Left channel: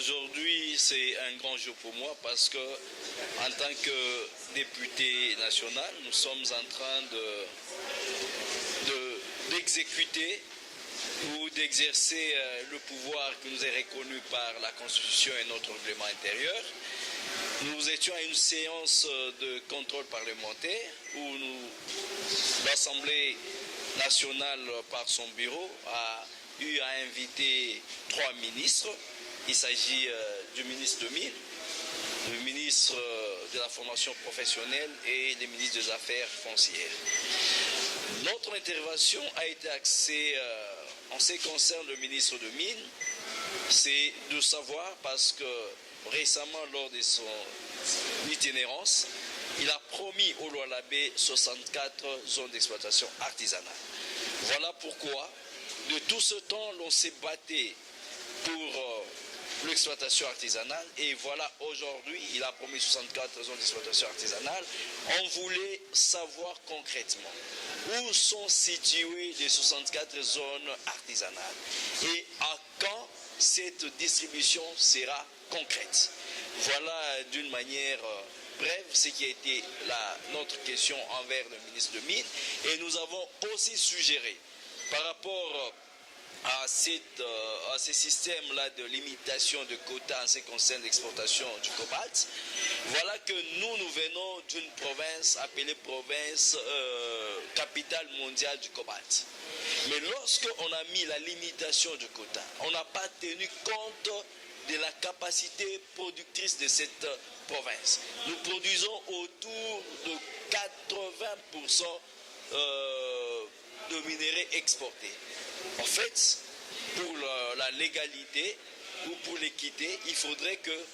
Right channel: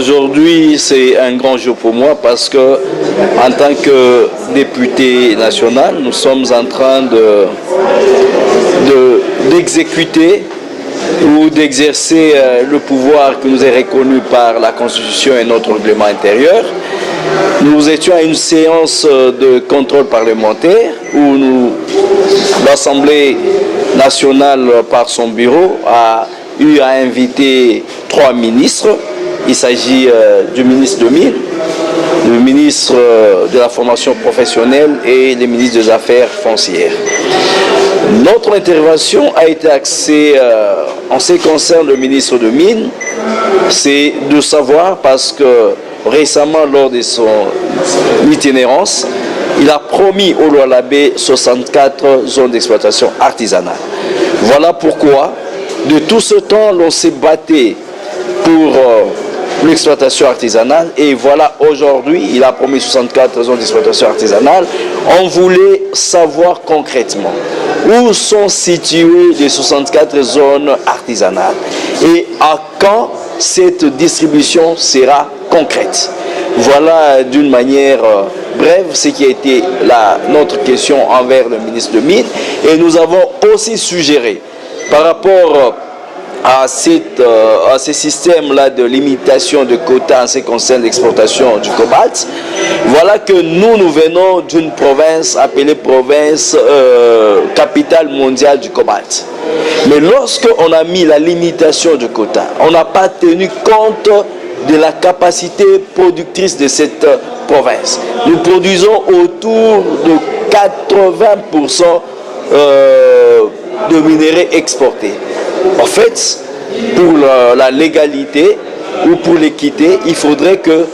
Aujourd'hui, c'est un grand jour pour moi parce que, en tant que député national, nous sommes en train d'exécuter ou d'exercer le pouvoir qui nous est reconnu par la Constitution et notre règlement intérieur. Nous étions à une séance de contrôle parlementaire où l'Assemblée nationale, par son bureau, a eu à inviter 3 ministres. Il s'agit du ministre de Mines, le ministre de la formation professionnelle et le ministre des Affaires foncières. Notre intervention a été axée en ce qui concerne le ministre de Mines, c'est de savoir parce que récemment, lors de son itinérance, il a promis au Lualaba 64 zones d'exploitation artisanale. Voilà pourquoi, de tout ce temps, l'on s'est battu pour l'exploitation artisanale et voilà, aujourd'hui, il a promis 64 zones d'exploitation artisanale. On voulait savoir concrètement où sont situées les 64 zones artisanales et à quand cette distribution sera concrète. Voilà d'une manière brève ce qui a été notre question envers le ministre de Mines. Et nous avons aussi suggéré par rapport à ces systèmes-là de limitation de quotas en ce qui concerne l'exportation du cobalt. Voilà que nous venons d'une province appelée province capitale mondiale du cobalt. Mais lorsqu'on a mis la limitation du quota, on n'a pas tenu compte de la capacité productrice de cette province. Nous produisons autour de 80% de minerais exportés. En fait, pour la légalité ou pour l'équité, il faudrait que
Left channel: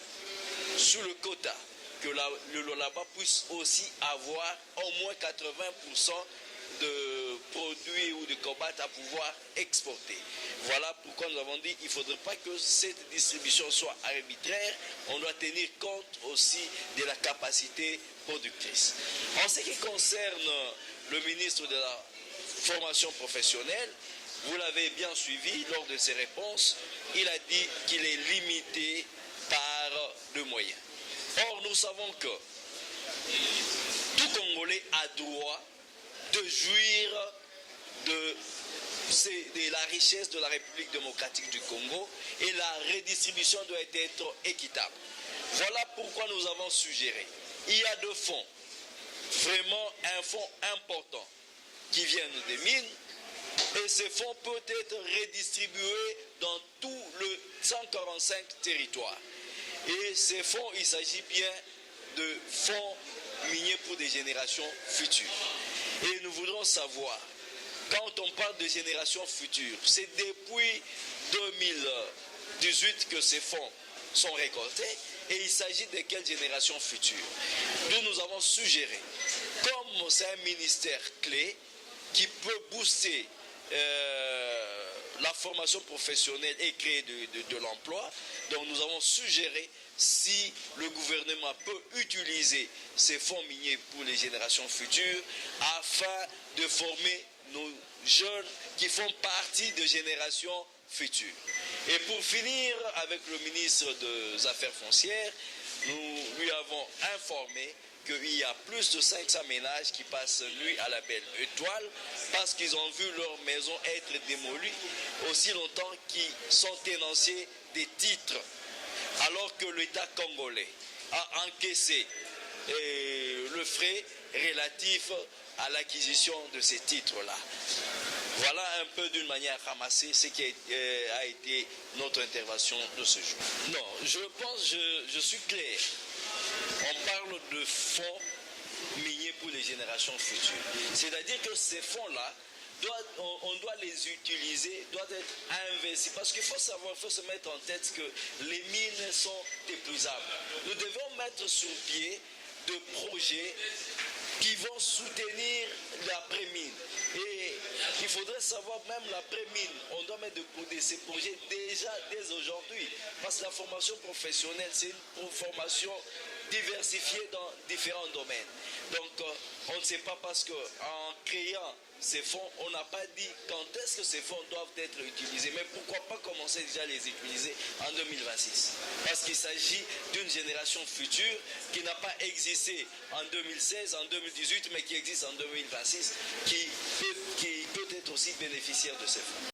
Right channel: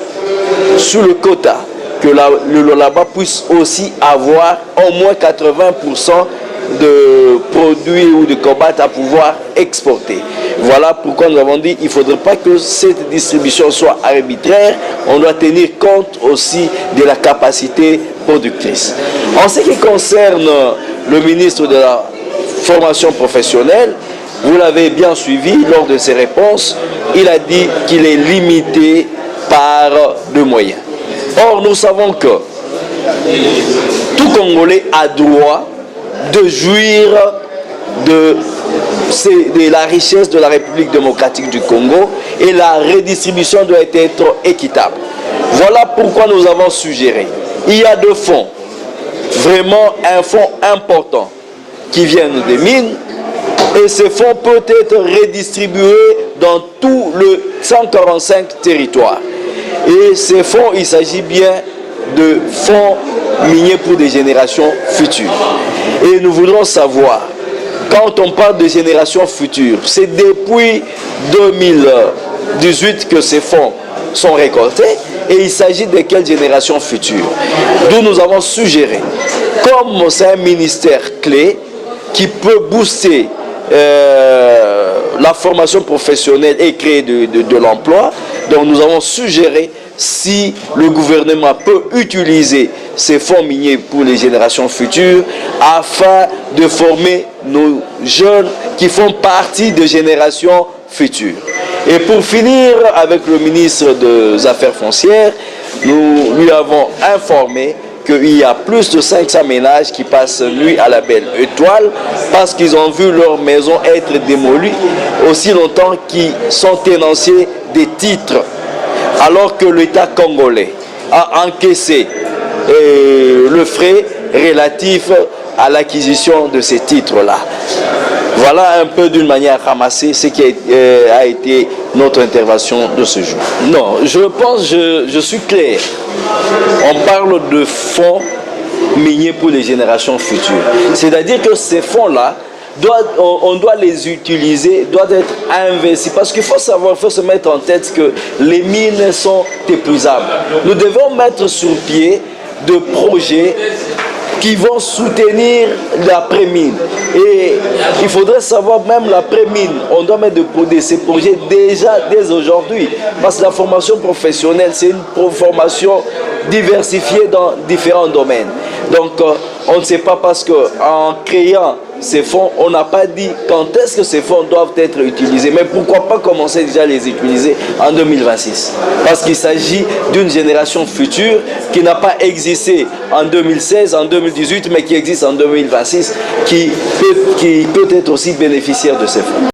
sous le quota, que le Lualaba puisse aussi avoir au moins 80% de produits ou de cobalt à pouvoir exporter. Voilà pourquoi nous avons dit qu'il ne faudrait pas que cette distribution soit arbitraire, on doit tenir compte aussi de la capacité productrice. En ce qui concerne le ministre de la formation professionnelle, vous l'avez bien suivi lors de ses réponses, il a dit qu'il est limité par de moyens. Or, nous savons que tout Congolais a droit de jouir de la richesse de la République démocratique du Congo et la redistribution doit être équitable. Voilà pourquoi nous avons suggéré. Il y a 2 fonds, vraiment un fonds important qui viennent des mines et ces fonds peuvent être redistribués dans tout le 145 territoires. Et ces fonds, il s'agit bien de fonds miniers pour des générations futures. Et nous voudrons savoir, quand on parle de générations futures, c'est depuis 2018 que ces fonds sont récoltés et il s'agit de quelles générations futures. D'où nous avons suggéré, comme c'est un ministère clé qui peut booster la formation professionnelle et créer de l'emploi, donc nous avons suggéré si le gouvernement peut utiliser ces fonds miniers pour les générations futures afin de former nos jeunes qui font partie des générations futures. Et pour finir avec le ministre des Affaires foncières, nous lui avons informé qu'il y a plus de 500 ménages qui passent nuit à la belle étoile parce qu'ils ont vu leur maison être démolie aussi longtemps qu'ils sont tenanciers des titres, alors que l'État congolais a encaissé le frais relatif à l'acquisition de ces titres-là. Voilà un peu d'une manière ramassée ce qui a été notre intervention de ce jour. Non, je pense, je suis clair. On parle de fonds miniers pour les générations futures. C'est-à-dire que ces fonds-là, on doit les utiliser, doivent être investis. Parce qu'il faut savoir, il faut se mettre en tête que les mines sont épuisables. Nous devons mettre sur pied de projets qui vont soutenir l'après-mine. Et il faudrait savoir même l'après-mine. On doit mettre ces projets déjà dès aujourd'hui. Parce que la formation professionnelle, c'est une formation diversifiée dans différents domaines. Donc, on ne sait pas parce qu'en créant ces fonds, on n'a pas dit quand est-ce que ces fonds doivent être utilisés, mais pourquoi pas commencer déjà à les utiliser en 2026? Parce qu'il s'agit d'une génération future qui n'a pas existé en 2016, en 2018, mais qui existe en 2026, qui peut être aussi bénéficiaire de ces fonds.